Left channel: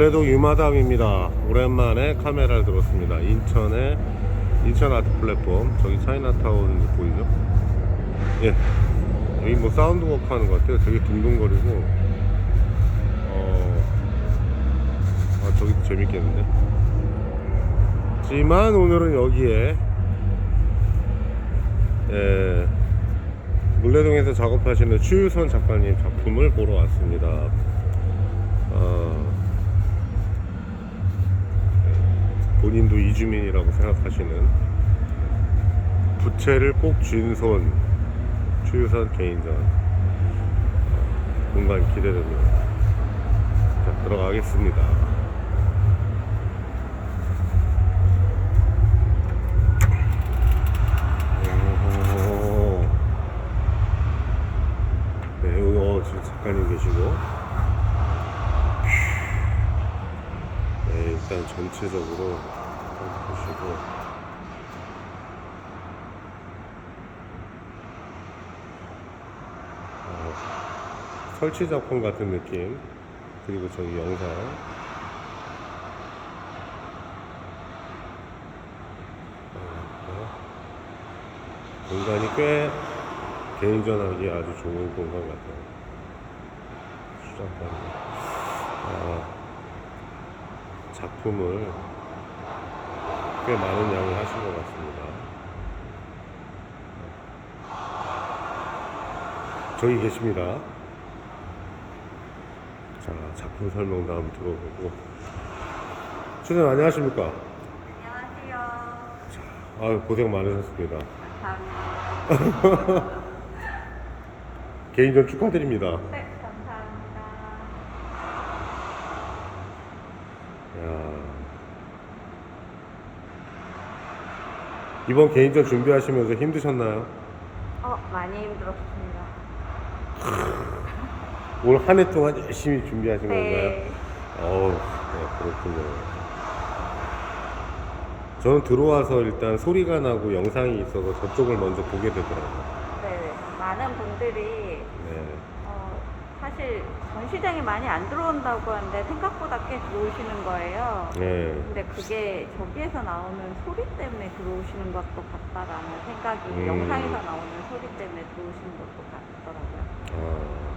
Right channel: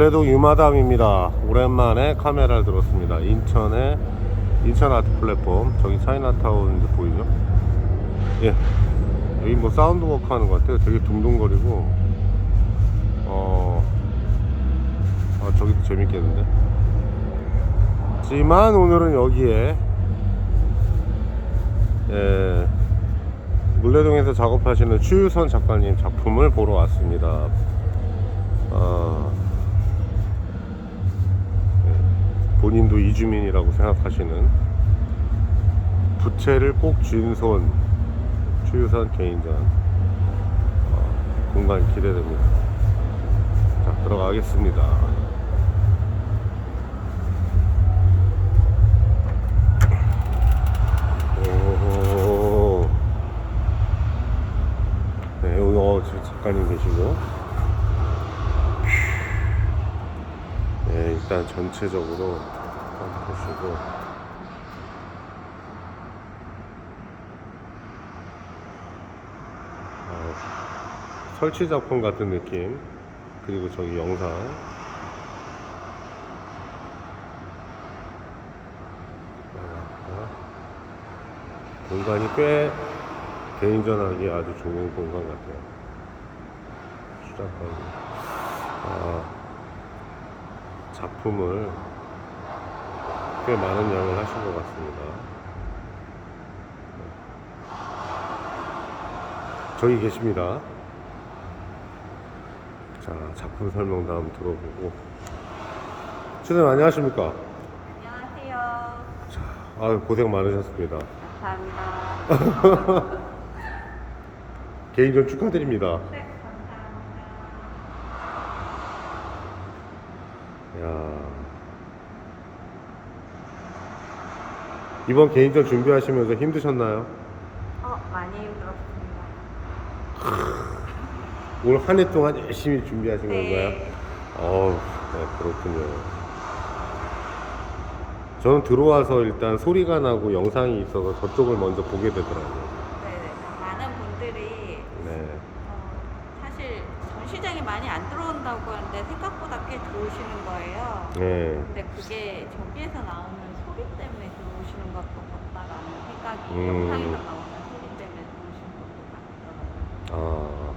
물레동 유마담입니다. 오랜만에 카메라를 들었습니다. 인천 아트 플랫폼, 저기 차이나타운 이제 보이죠? 예, 여기 뭐 사운드 워크 하는 것 같아요. 되게 둥둥거리고 저기도 재밌겠는데. 하지만 오늘은 여기에 물레동에서 작업하시는 추유선 작가님 작품을 보러 왔습니다. 본인도 이주민이라고 생각하시는 부채를 꼭 쥔 손 추유선 개인전 공간 기대됩니다. 자, 들어가겠습니다. 네, 여기 작가님 계시고, 네, 일단 전체적으로 한번 보시고, 설치 작품 같은 느낌. 그리고 저기 영상, 공간이 꽤 개인전하기 아주 좋은 공간 같아요. 수작가님 작품을 꽤 많은 양을 하신 것 같습니다. 저기 계십니다. 자, 작품 설명도 한번 들어보고. 선생님 안녕하십니까? 안녕하세요. 자, 고생 많으셨습니다. 감사합니다. 개인전 축하드립니다. 네, 감사합니다. 야, 이번 개인전 준비하시면서 힘드셨나요? 많이 힘들었습니다. 올 한 해 동안 열심히 준비하신 네. 건가요? 네, 그렇군요. 저는 들어와서 일단 소리가 나고 영상이 있어서 저쪽을 먼저 보게 되더라고요. 네, 많은 분들이 네. 사실 전시장에 많이 안 들어온다고 하는데 생각보다 꽤 들어오시는 거예요. 네. 근데 그게 저기에서 나오는 소리 때문에 들어오시는 것도 같다라는 생각이, 음. 영상에서 나오는 소리 때문에 들어오시는 것도 같더라고요.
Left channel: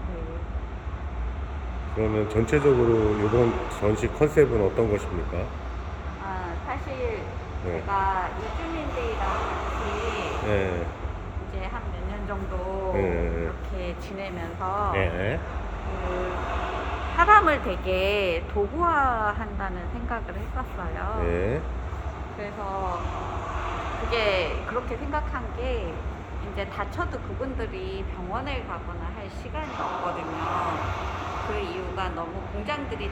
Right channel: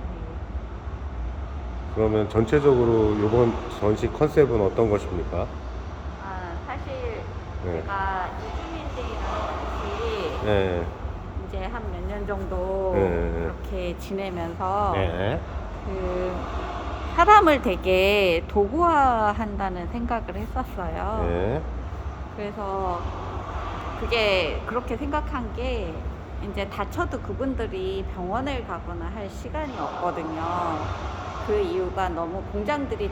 그러면 전체적으로 이번 전시 컨셉은 어떤 것입니까? 사실 네. 제가 이주민들이랑 같이 네. 이제 한 몇 년 정도 네. 이렇게 지내면서 네. 그 사람을 되게 도구화한다는 생각을 했었어요. 네. 그래서 그게 그렇게 생각한 게 이제 다쳐도 그분들이 병원을 가거나 할 시간이 없거든요. 그 이유가 너무 공장들이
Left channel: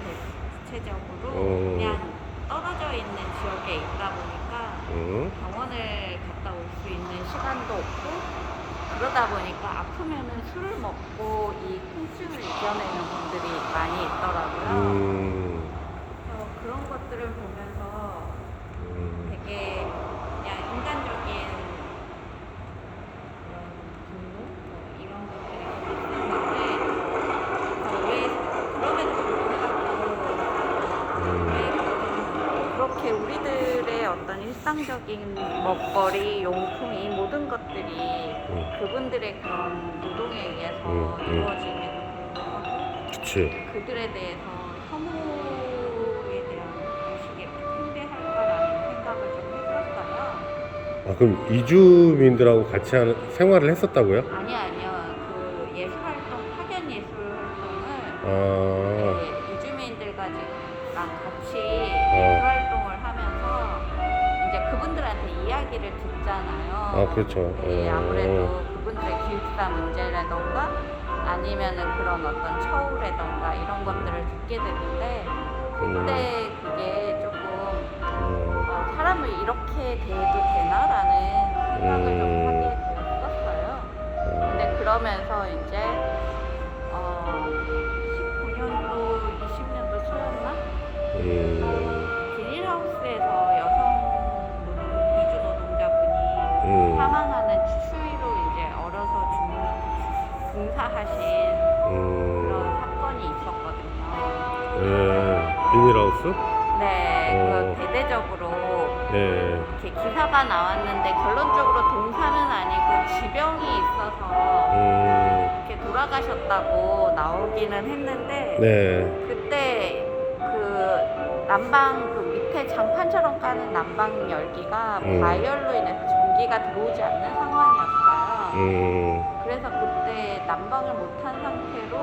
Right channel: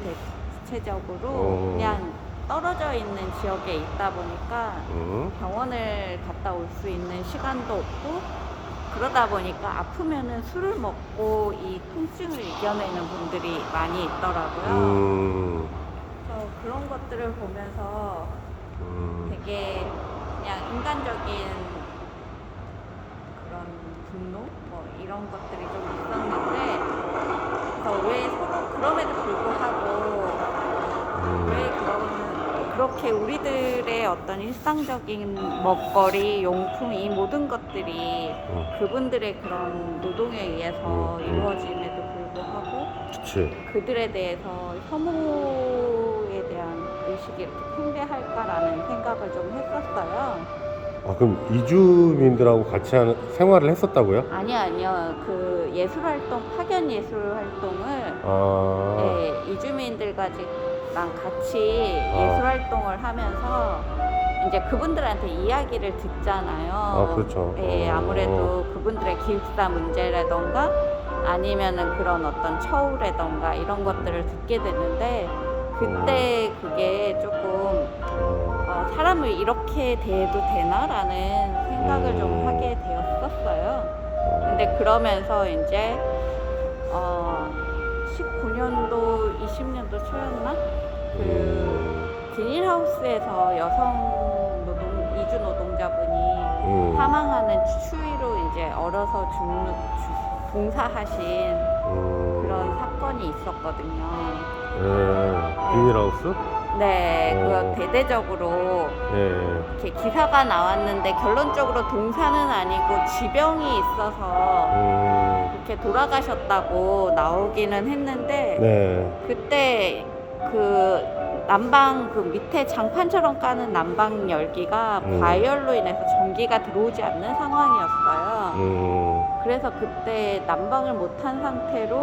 대체적으로 그냥 떨어져 있는 지역에 있다 보니까 병원을 갔다 올 수 있는 시간도 없고, 그러다 보니까 아프면은 술을 먹고 이 통증을 이겨내는 분들이 많이 있더라고요. 그런 것들을 보면서 되게 그냥 인간적인 그런 분노 뭐 이런 것들이 좀 있었는데, 그래서 왜 그럼에도 불구하고 왜 그렇게 우리들의 어떤 일상적인 먹거리, 용품, 이 모든 것들이 그분들의 그런 노동에 의해서 이루어짐에도 불구하고 그치. 그들에 대해서 혐오에 대한 의식이 이렇게 팽배할까라는 생각을 좀 했었어요. 그럼 이주민들하고 같이 생활을 했었다고요? 아니요. 그 예술활동, 파견 예술활동을 네, 이주민들과 같이 예술활동을 하면서 이제 그분들한테 이야기를 듣잖아요. 그렇죠. 네, 아무래도 그분들의 기숙사 문제라던가 아니면은 그런 어떤 처우라던가 이런 것들을 듣게 되는데, 그때 그게 조금 사람을 이렇게 대해도 되나라는 생각을 좀 하게 되었었어요. 근데 그러면서 이제 19년도, 20년도 초였나? 비닐하우스에서 여성 이주 노동자분이 사망하는 추위로 이제 얼어서 봉사하신 그런 사건이 있었거든요. 비닐하우스? 네, 그 대대적으로 예. 이렇게 기사가 나왔는데 결론적으로 동사는 아니고 지병이 있어서 이렇게 돌아가셨다고 나오기는 했는데 네. 그때 그 난방 그 밑에 장판처럼 까는 난방 열기가 과열로 인해서 전기가 들어오지 않는 상황이었어요. 그래서 그때 난방을 못한 상태로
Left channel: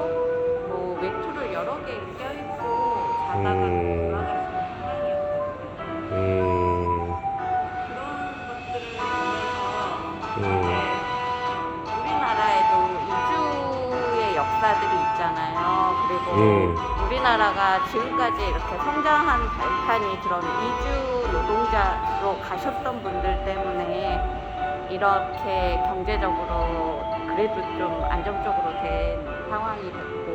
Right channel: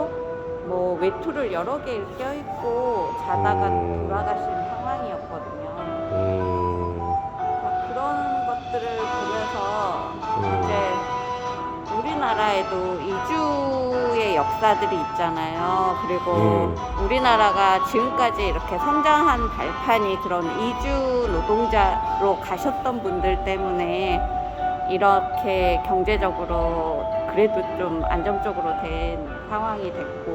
뭐 외투를 여러 개 껴입고 자다가 돌아가신 상황이었거든요. 그런 것들을 보면서 이제 우리나라에도 이주의 역사들이 있잖아요. 그리고 우리나라가 지금까지 이렇게 성장한 발판이 그런 이주 노동자로 가셨던 분들 때문에 이렇게 경제적으로 그래도 좀 안정적으로 된 상황이 됐고,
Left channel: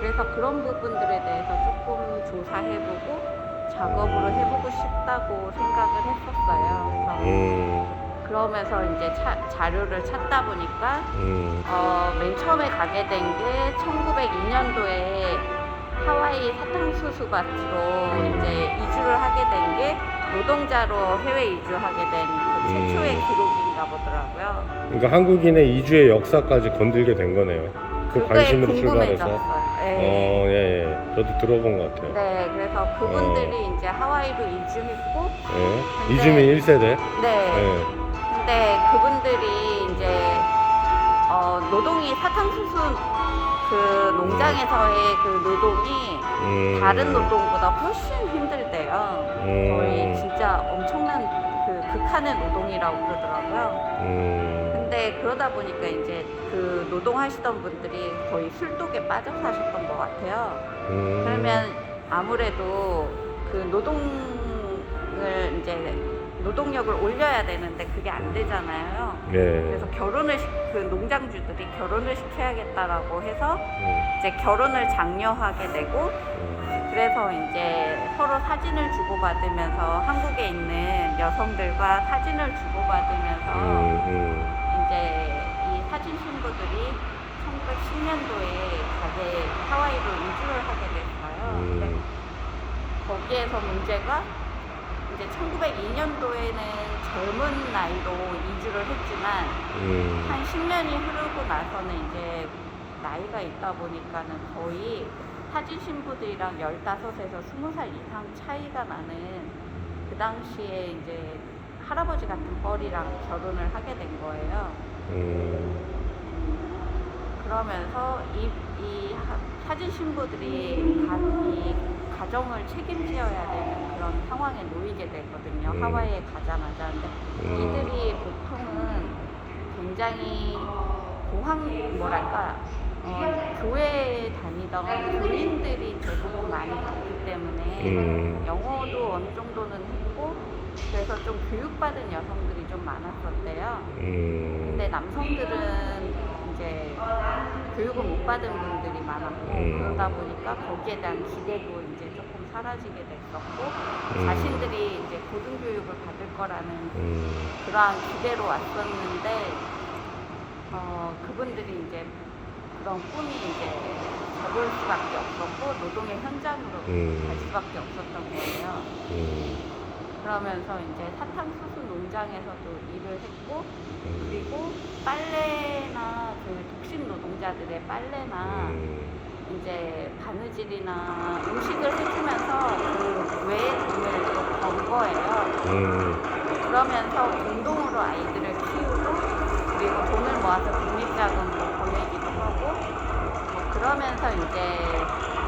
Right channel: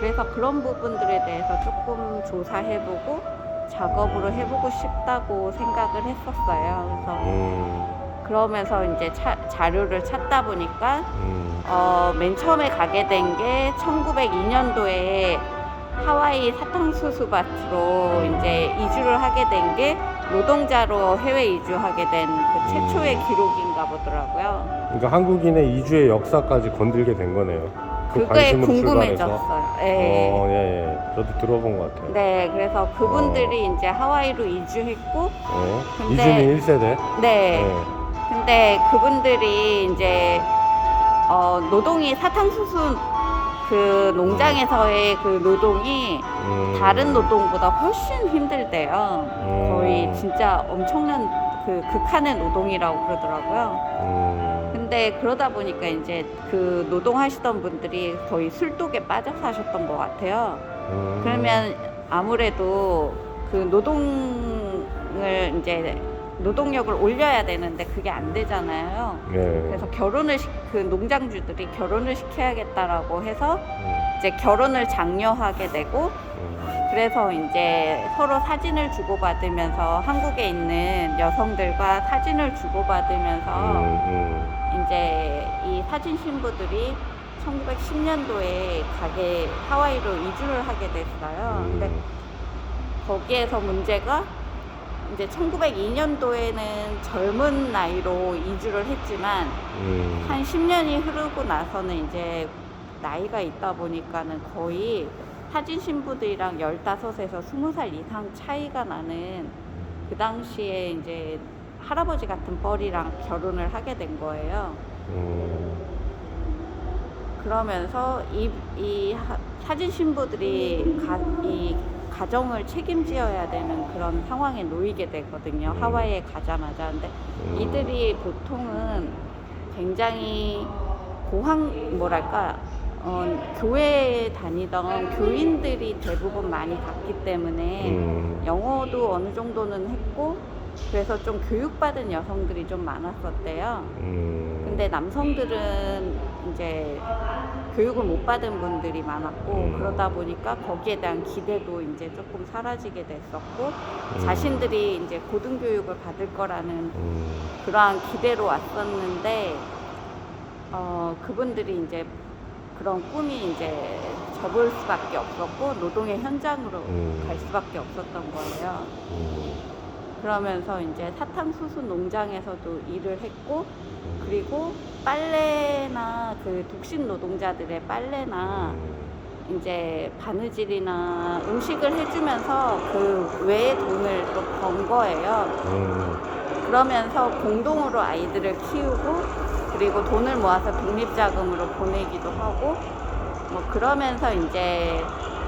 그래서 그런 부분들에 대해서 조금 조사해보고 작업으로 해보고 싶다고 생각을 했었어요. 그러면서 이제 자료를 찾다 보니까 맨 처음에 가게 된 게 1902년도에 하와이 사탕수수밭으로 이제 이주를 하게 된 게 노동자로 해외 이주하게 된 그 최초의 기록인가 보더라고요. 그러니까 한국인의 이주의 역사까지 건들게 된 거네요. 그 그게 관심으로 출발해서. 궁금해졌어요. 네. 예. 저도 들어본 것 같아요. 네, 그래서 그분들이 이제 하와이로 이주했고, 예. 이주민 1세대. 네. 예. 근데 그분들이 이제 노동이 사탕수수 그 농장에서의 그 노동이 다른 노동보다 훨씬 힘들대요. 거의 진짜 엄청난 그 극한의 노동이라고 그러더라고요. 근데 그러다 보니까 이제 그 노동하시던 분들이 거의 술독에 빠져 사셨던 것 같아요. 그러면 아무래도 그 노동을 이제 노동력을 올려야 되는데 그게 안 되잖아요. 그래서 그 농장주들이 결혼을 시켜야겠다라고 해서 이제 결혼을 장려하게 되고, 그래서 이제 서로 사진을 주고받으면서 한국에 있는 여성들과 사진을 주고받으면서 이제 이 사진 신부들이 1910년도에 하와이로 이주를 하게 됐어요. 근데 거기에서 문제가 이제 1902년도에는 젊은 나이로 이주를 했지만 한 10년이 흐르고 나서는 이제 나이가 있다 보니까는 거의 사진 신부들이랑 15에서 20살 이상 차이가 나는 그 당시에 이제 할아버지 같은 뻘이랑 결혼을 하게 된 거예요. 그러면서 이 사진 신부들이 이 가정을 책임지어야 되는 그런 상황에 놓이게 되거든요. 하와이에 가자마자. 근데 이들이 보통은 굉장히 교회에 다니던 교인들이 대부분 많이 갔기 때문에 영어도 어느 정도는 했고, 그래서 좀 교육받은 여성들이 좀 많았었대요. 근데 남성들은 이제 교육을 못 받은 분들이 많았고, 그러다 보니까 거기에 대한 기대도 이제 조금 사라지게 됐었고, 자신들이 이제 고등교육을 받을 거라는 그러한 기대로 왔었는데, 그분들이 이제 그런 꿈이 이제 접을 수밖에 없었고, 노동의 현장으로 갈 수밖에 없었던 거예요. 그러면서 이제 사탕수수 농장에서도 일을 했고, 그리고 빨래나 그 독신 노동자들의 빨래나 이제 바느질이나 음식을 해주면서 그 외의 돈을 또 번 거예요. 그러면서 공동으로 아이들을 키우고, 그리고 돈을 모아서 독립자금으로 보내기도 하고, 그러면서 이제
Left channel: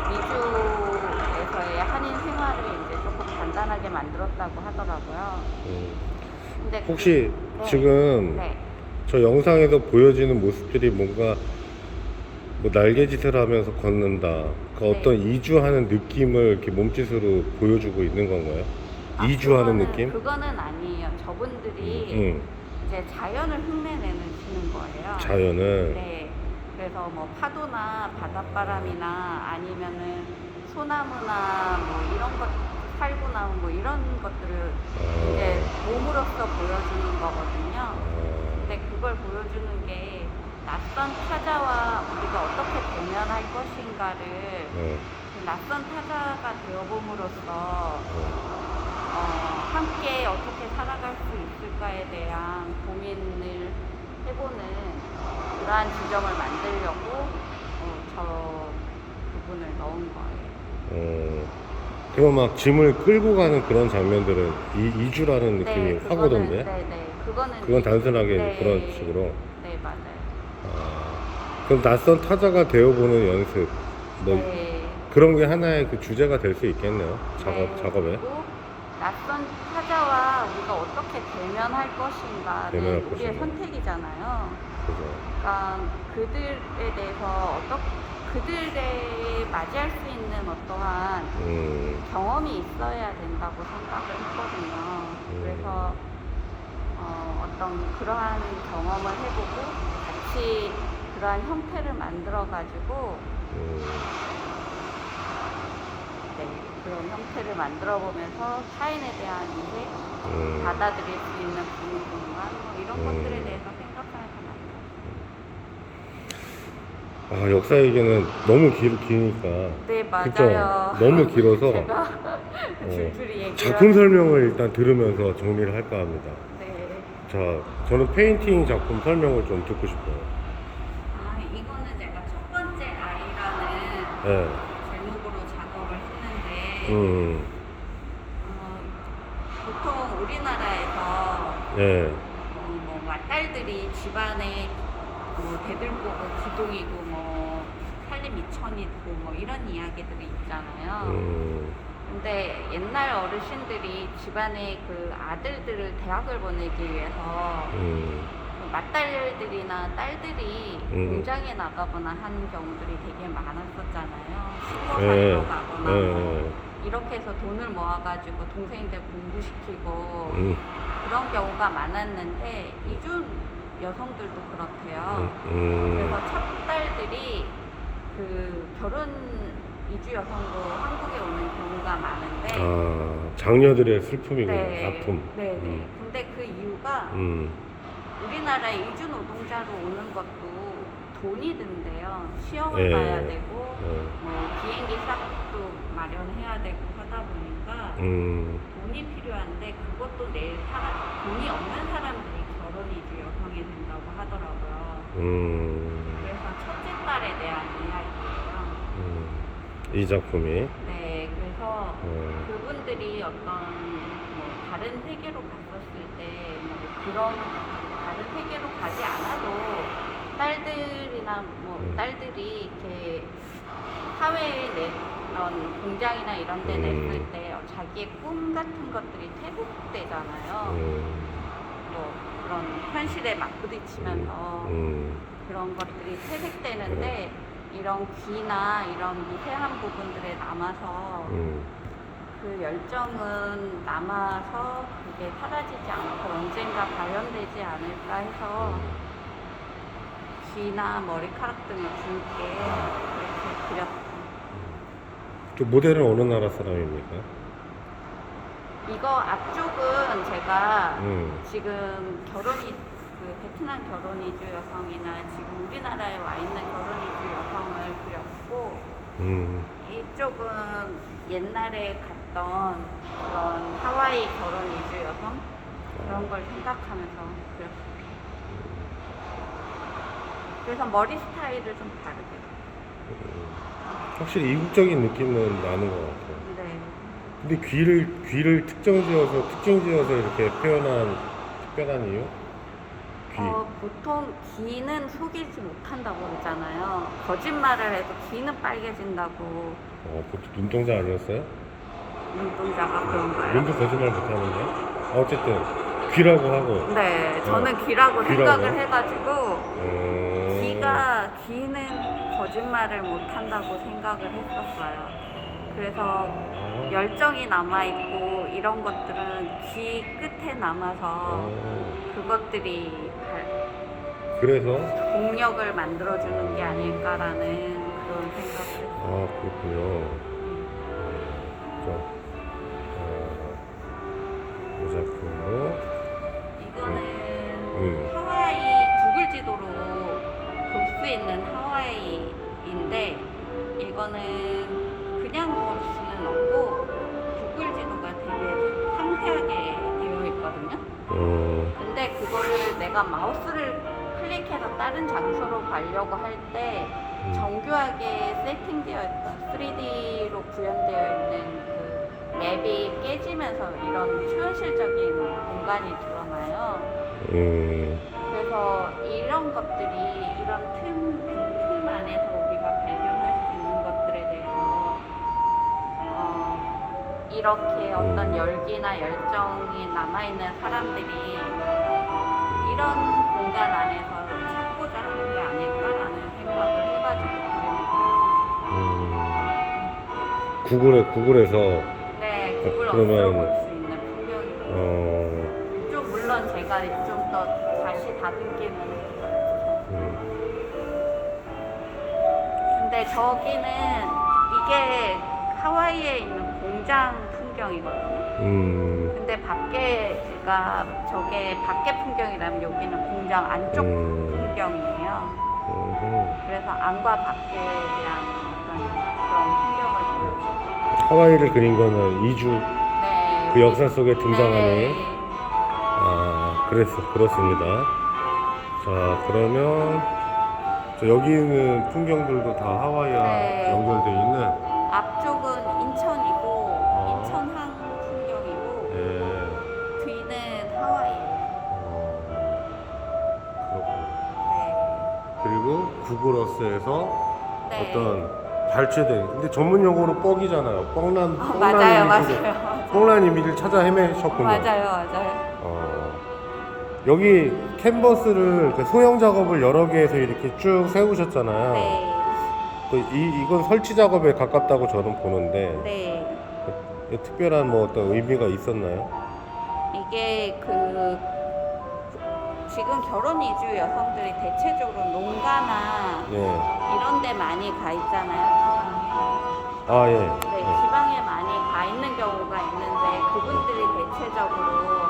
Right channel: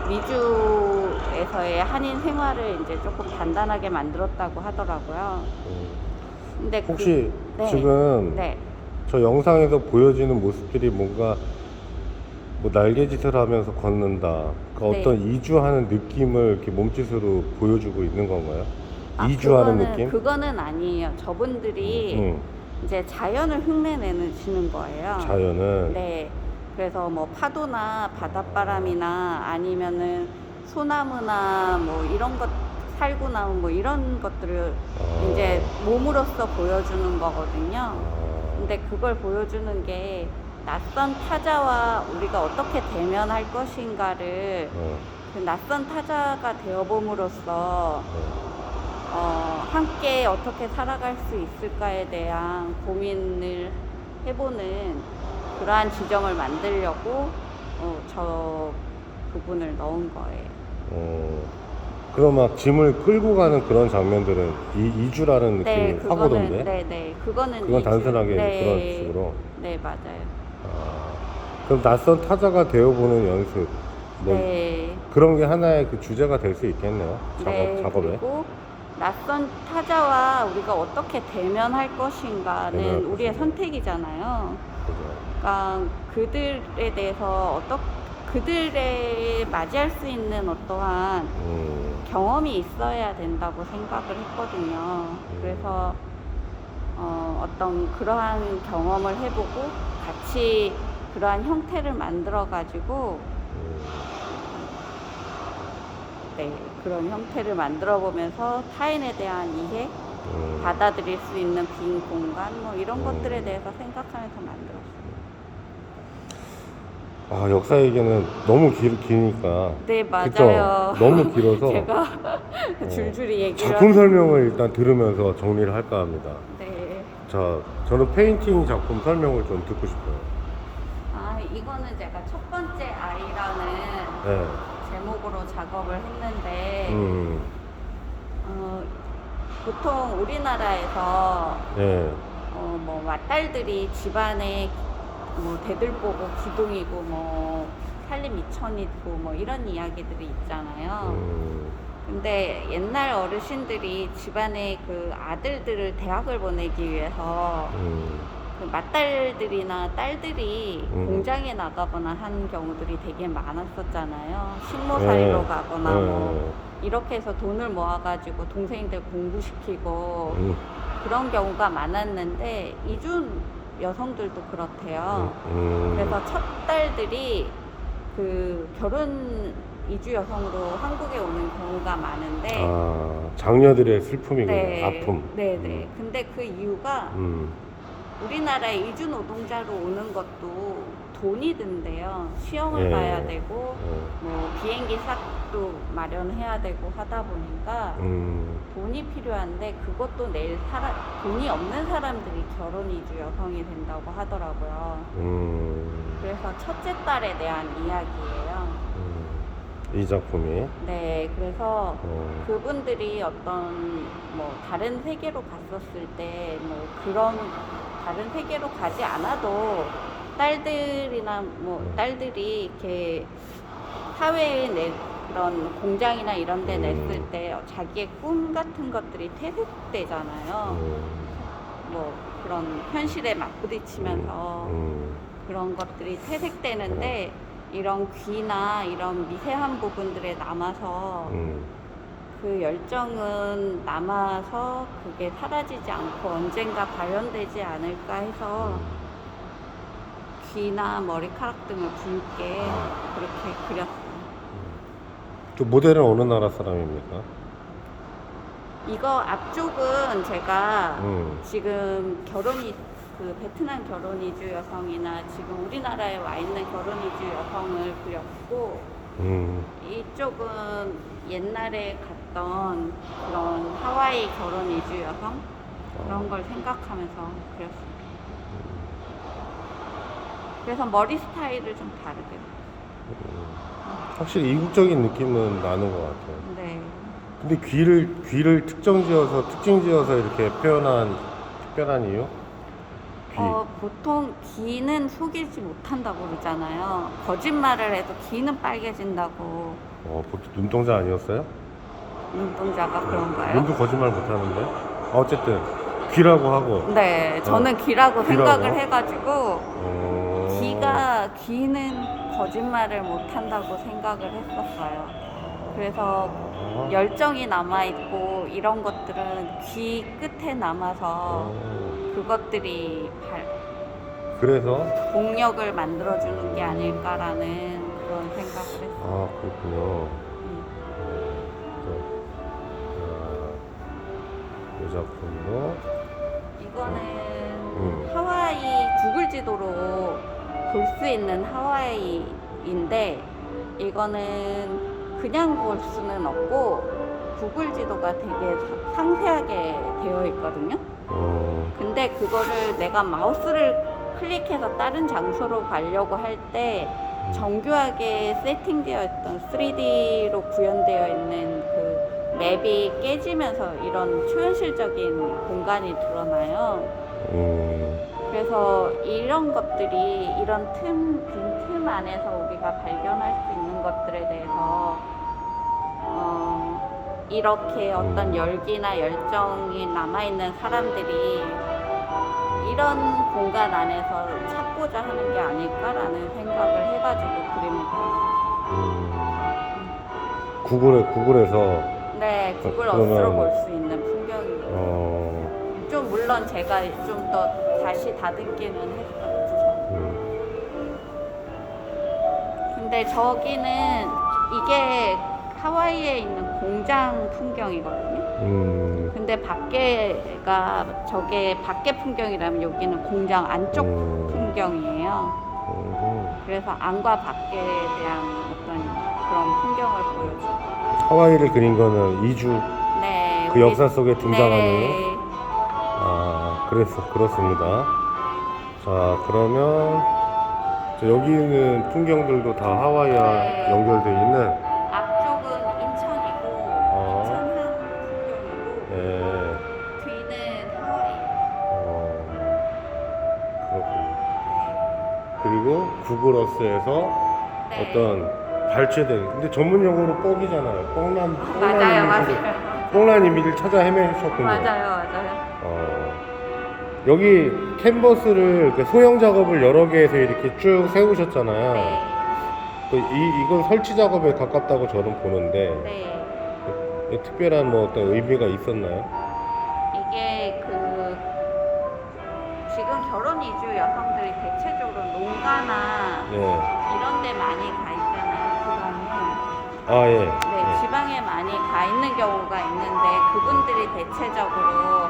미주에서의 한인 생활을 이제 조금 단단하게 만들었다고 하더라고요. 근데 혹시 지금 저 영상에서 보여지는 모습들이 뭔가 뭐 날개짓을 하면서 걷는다, 그 어떤 이주하는 느낌을 이렇게 몸짓으로 보여주고 있는 건가요? 이주하는 느낌? 그거는 아니에요. 저분들이 이제 자연을 흉내내는 거예요. 자연을? 네. 그래서 뭐 파도나 바닷바람이나 아니면은 소나무나 뭐 이런 것, 살구나무 뭐 이런 것들을 이제 몸으로써 보여주는 거거든요. 근데 그걸 보여주는 게 낯선 낯선 타자와 우리가 어떻게 대면할 것인가를 그 낯선 타자가 되어봄으로써 함께 어떻게 살아갈 수 있을까에 대한 고민을 해보는 그러한 지점을 만들려고 저 부분을 넣은 거예요. 그럼 막 짐을 끌고 가는 그런 장면들은 이주라는 느낌이 확 그거는, 오던데? 네네. 그건 이주. 단순하게 네. 그런 식으로. 네, 맞아요. 그럼 낯선 타자가 되어보는 연습, 뭐 네. 그런 게 하나의 그 주제가 될 수 있겠네요. 네, 작업에. 그리고 낯선 타자와 우리가 어떻게 대면할 것인가는 대면할 우리의 것인가. 선택이잖아요. 그죠. 그러니까 그들에 대해서 그들에 맞이할 수 있는 어떠한 경험이 있어야 된다고 생각을 했거든요. 그래서 어떤 그러한 경험을 해보고 같이 그러한 형태를 만들어 가지고 네, 그런 형태를 만들어 보면서 타인에 대한 이해, 받아들일 수 있는 빈 공간 뭐 이런 것들에 대해서 생각하면서 만들었어요. 역사 얘기는 너무 기니까. 네, 맞아요. 그쵸? 너무 길어서 제가 줄줄이 얘기를 작품 설명을 일단 들으면서 정리를 할까 합니다. 네. 자, 저는 페인팅 작품 설명을 좀 듣고 싶어요. 이거는 제가 첫 번째 아이라는 네. 제목으로 작업을 했는데 보통 우리나라에서 네. 뭐 맏딸들이 집안에 대들보고 기둥이고 뭐 살림 이천이고 뭐 이런 이야기들이 있잖아요. 근데 옛날 어르신들이 집안에 그 아들들을 대학을 보내기 위해서 그 맏딸들이나 딸들이 공장에 나가거나 하는 경우들이 되게 많았었잖아요. 식모살이로 가거나 뭐 이렇게 해서 돈을 모아가지고 동생들 공부시키고 그런 경우가 많았는데 이준 여성들도 그렇대요. 그래서 첫 딸들이 그 결혼 이주 여성으로 한국에 오는 경우가 많은데 장녀들의 슬픔이군요. 네, 아픔. 네네. 근데 그 이유가 우리나라에 이주 노동자로 오는 것도 돈이 든대요. 시험을 봐야 되고 뭐 비행기 싹도 마련해야 되고 하다 보니까 돈이 필요한데 그것도 내일 돈이 없는 사람들이 결혼 이주 여성이 된다고 하더라고요. 그래서 첫째 딸에 대한 이야기예요. 이 작품이. 네, 그래서 그분들이 어떤 뭐 다른 세계로 갔었을 때 뭐 그런 다른 세계로 가지 않아도 딸들이나 뭐 딸들이 이렇게 사회에 이런 공장이나 이런 데 냈을 때 자기의 꿈 같은 것들이 퇴색되잖아요. 뭐 그런 현실에 막 부딪히면서 그런 것들이 퇴색되는데 이런 귀나 이런 미세한 부분들에 남아서 그 열정은 남아서 그게 사라지지 않고 언젠가 발현되지 않을까 해서 귀나 머리카락 등을 붉게 그렇게 그렸어요. 저 모델은 어느 나라 사람입니까? 이거 앞쪽은 제가 지금 그 베트남 결혼 이주 여성이나 지금 우리나라에 와 있는 결혼 이주 여성을 그렸고 이쪽은 옛날에 갔던 그런 하와이 결혼 이주 여성 그런 걸 생각하면서 그렸어요. 그래서 머리 스타일을 좀 다르게. 확실히 이국적인 느낌은 나는 것 같아요. 네. 근데 귀를 특징 지어서 이렇게 표현한 특별한 이유? 귀. 보통 귀는 속이지 못한다고 그러잖아요. 거짓말을 해도 귀는 빨개진다고. 그것도 눈동자 아니었어요? 눈동자가 그런가요? 눈도 거짓말 못하는데. 어쨌든 귀라고 하고. 네, 저는 귀라고 귀라고? 생각을 해가지고 귀는 거짓말을 못한다고 생각을 했었어요. 그래서 열정이 남아있고 이런 것들은 귀 끝에 남아서 그것들이 그래서 동력을 만들어주는 게 아닐까라는 그런 생각을 했어요. 그렇군요. 이 작품도 이거는 하와이 구글 지도로 볼 수 있는 하와이인데 이거는 그냥 볼 수는 없고 구글 지도가 되게 상세하게 되어 있거든요. 근데 그거를 내가 마우스를 클릭해서 다른 장소로 가려고 할 때 정교하게 세팅되어 있던 3D로 구현되어 있는 그 맵이 깨지면서 이런 초현실적인 공간이 드러나요. 그래서 이런 것들이 이런 틈 안에서 우리가 발견할 수 있는 것들에 대해서 이렇게 어떤 열기나 열정이 남아있는 사람들이 이런 공간 안에서 찾고자 하는 게 아닐까라는 생각을 해가지고 그림을 그렸어요. 구글에서 네, 구글 그러면 어플을 볼 수 있는 풍경이고 좀 물론 제가 좀 더 다시 다듬기는 했어요. 근데 저기는 이게 하와이에 있는 공장 풍경이거든요. 근데 밖에가 저게 밖에 풍경이라면 여기는 공장 안쪽 풍경이에요. 그래서 안과 밖에 대한 어떤 그런 풍경을 보여주고. 하와이를 그린 거는 이주 네. 그 역사 속에 등장하는 네. 그렇습니다. 자, 그러면 여기는 풍경들도 다 하와이와 네. 연결되어 있는. 앞쪽은 인천이고 인천항 풍경이고 네. 뒤는 하와이예요. 그렇군요. 네. 그리고 구글 어스에서 네. 어떤 발췌된, 근데 전문 용어로 뻑이잖아요. 뻥난 맞아요. 뻥난 이미지를 찾아 헤매셨군요. 맞아요. 여기 캔버스를 소형 작업을 여러 개에서 이렇게 쭉 세우셨잖아요. 네. 이건 설치 작업에 가깝다고 저는 보는데 네. 특별한 뭐 어떤 의미가 있었나요? 이게 지금 결혼 이주 여성들이 대체적으로 농가나 네. 이런 데 많이 가 있잖아요. 지방에. 아, 예. 네, 지방에 많이 가 있는 경우가 있는데 그분들이 대체적으로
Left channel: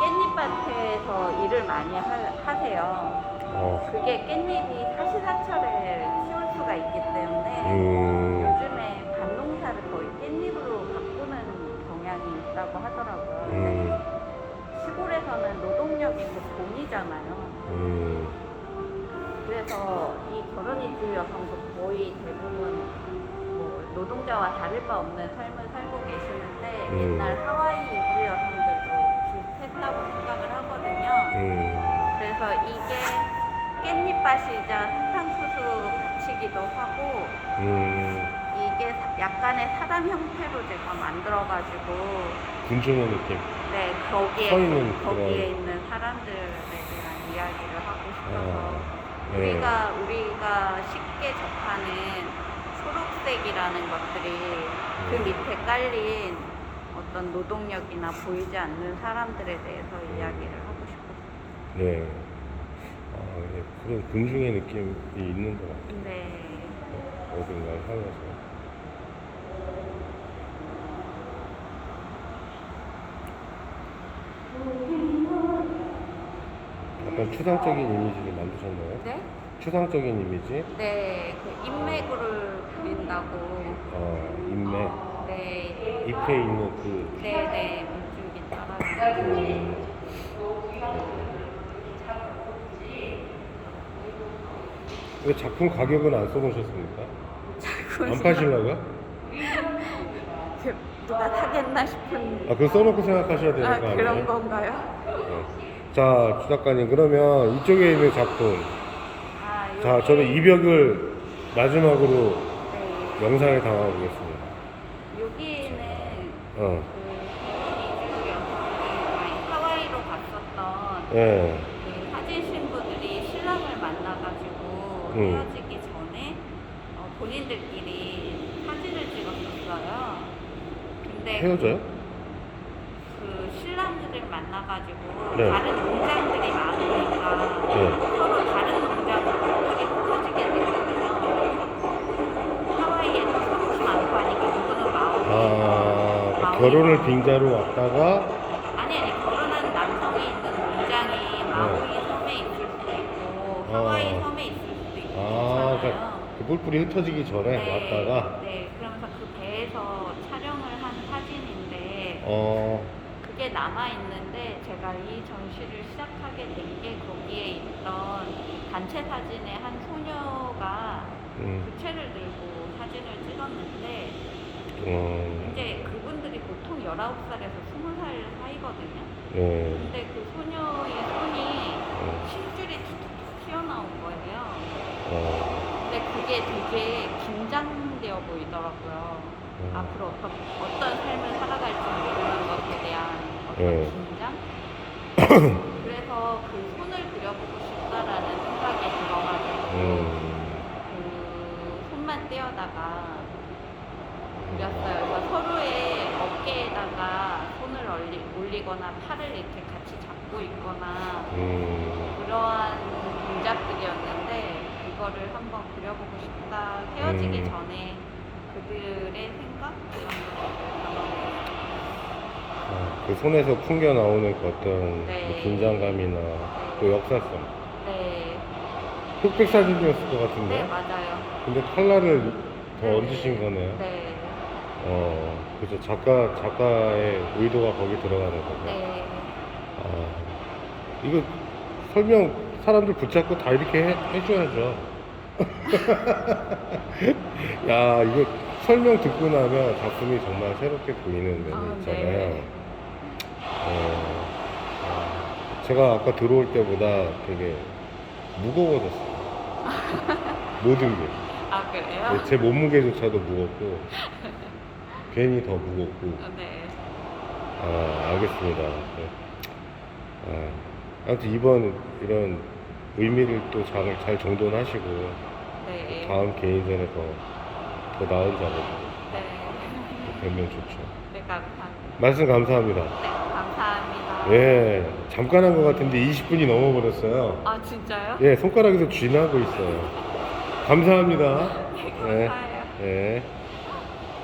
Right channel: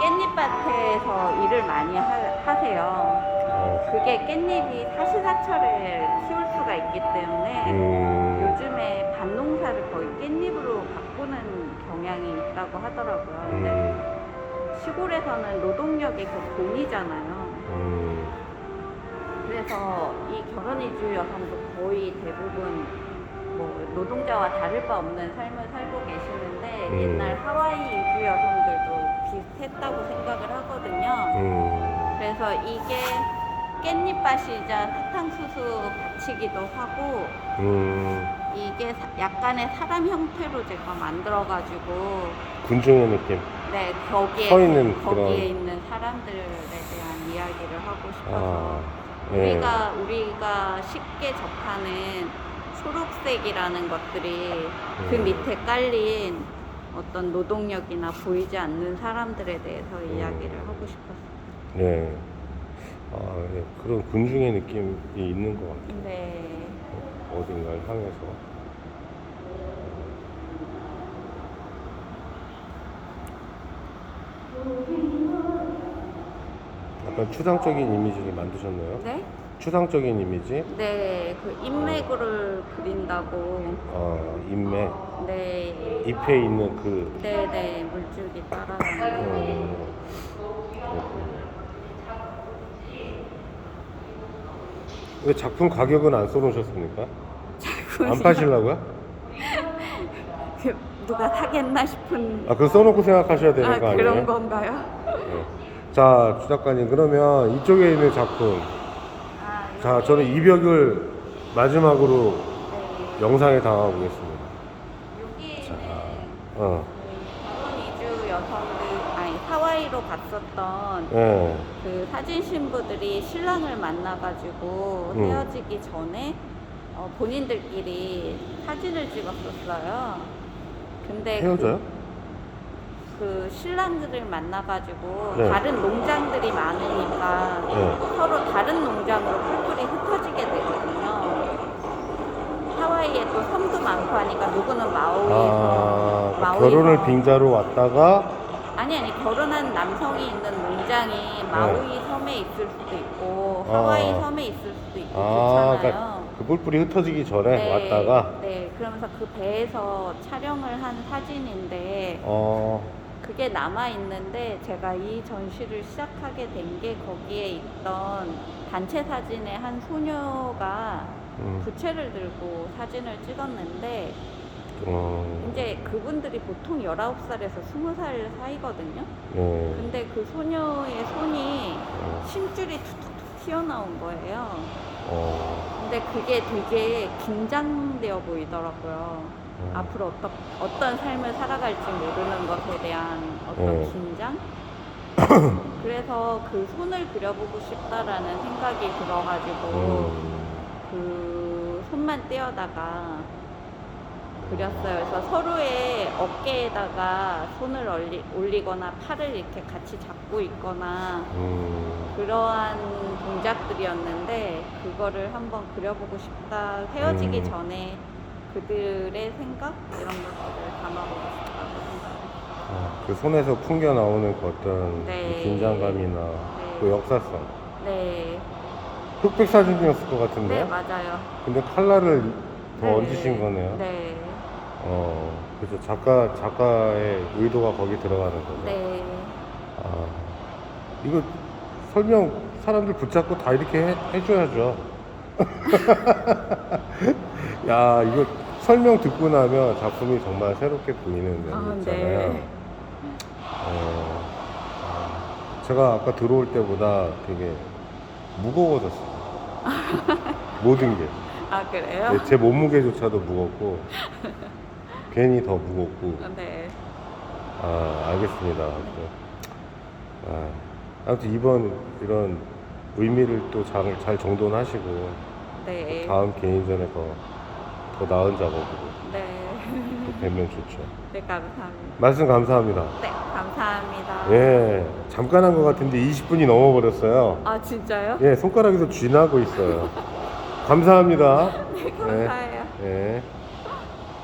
깻잎밭에서 일을 많이 하세요. 그게 깻잎이 사시사철에 키울 수가 있기 때문에 요즘에 밭농사를 거의 깻잎으로 바꾸는 경향이 있다고 하더라고요. 시골에서는 노동력이 그 공이잖아요. 그래서 이 결혼 이주 여성도 거의 대부분 뭐 노동자와 다를 바 없는 삶을 살고 계시는데 옛날 하와이 이주 여성들도 비슷했다고 생각을 하거든요. 그래서 이게 깻잎밭이자 사탕수수 밭이기도 하고 이게 약간의 사람 형태로 제가 만들어가지고 군중의 느낌. 네, 거기에 서 있는 거기에 그런. 있는 사람들에 대한 이야기를 하고 싶어요. 예. 우리가 쉽게 접하는 초록색이라는 것들이 그 밑에 깔린 어떤 노동력이나 보이지 않는 사람들에 대해서 이야기를 하고 싶었어요. 네. 예. 그런 군중의 느낌이 있는 것 같아요. 네. 어딘가를 향해서. 약간 추상적인 이미지를 만드셨나요? 네? 추상적인 이미지? 네, 그 인맥을 그린다고. 인맥. 네. 잎에 있는 그. 네, 물줄기 따라오는. 왜 작품 가격은 안 써놓으셨습니까? 안 파시려고요? 누가 사겠나 싶은. 그거 써놓고 생각하셔야 되는 거 아니에요? 그런 건가요? 네. 자, 주 작가님, 그러면 이쪽에 있는 작품. 자, 저는 이벽을 마지막으로 네. 영상에 담아보겠습니다. 여기에는 어. 결혼 이주 여성들, 하와이로 갔었던 예. 그 사진 신부들이 신랑을 만나가지고 음. 헤어지기 전에 본인들끼리 사진을 찍었었어요. 근데 헤어져요? 그 신랑들을 만나가지고 네. 다른 농장들이 많으니까 네. 서로 다른 농장으로 크게 흩어지게 되거든요. 하와이에 또 섬도 많고 하니까 누구는 마우이 결혼을 빙자로 왔다가. 아니 결혼한 남성이 있는 농장이 마우이 섬에 있을 수도 있고 하와이 섬에 있을 수도 뿔뿔이 흩어지기 전에 네, 왔다가 네, 그러면서 그 배에서 촬영을 한 사진인데 그게 남아 있는데 제가 이 전시를 시작하게 된 게 거기에 있던 단체 사진의 한 소녀가 부채를 들고 사진을 찍었는데 이제 그분들이 보통 19살에서 20살 사이거든요. 근데 그 소녀의 손이 심줄이 툭툭툭 튀어나온 거예요. 근데 그게 되게 긴장되어 보이더라고요. 앞으로 어떤 삶을 살아갈지 모르는 것에 대한 어떤 긴장? 그래서 그 손을 그려보고 싶다라는 생각이 들어가지고 그 손만 떼어다가 그렸어요. 그래서 서로의 어깨에다가 손을 올리거나 팔을 이렇게 같이 잡고 있거나 그러한 동작들이었는데 그거를 한번 그려보고 싶다. 헤어지기 전에 그들의 생각 이런 것들을 담아보고 싶어요. 그 손에서 풍겨 나오는 그 어떤 네. 긴장감이나 또 역사성. 네, 흑백 사진이었을 것 같은데. 네 맞아요. 근데 컬러를 더 네. 얹으신 거네요. 네, 그래서 작가의 의도가 거기 들어가는 거죠. 네. 이거 설명 사람들 붙잡고 다 이렇게 해줘야죠. 야, 이거 설명 듣고 나면 작품이 정말 새롭게 보이는 면이 있잖아요. 네. 제가 아까 들어올 때보다 되게 무거워졌어요. 모든 게. 아 그래요? 제 몸무게조차도 무겁고, 괜히 더 무겁고. 네. 알겠습니다. 아무튼 이번 이런 의미를 또 잘 정돈하시고, 네. 다음 개인전에서 더 나은 작업으로 네. 또 뵈면 좋죠. 네, 감사합니다. 말씀 감사합니다. 네, 감사합니다. 예, 잠깐 한 것 같은데 20분이 넘어버렸어요. 아, 진짜요? 예, 손가락에서 쥐나고 있어요. 감사합니다. 네, 예, 감사해요. 예.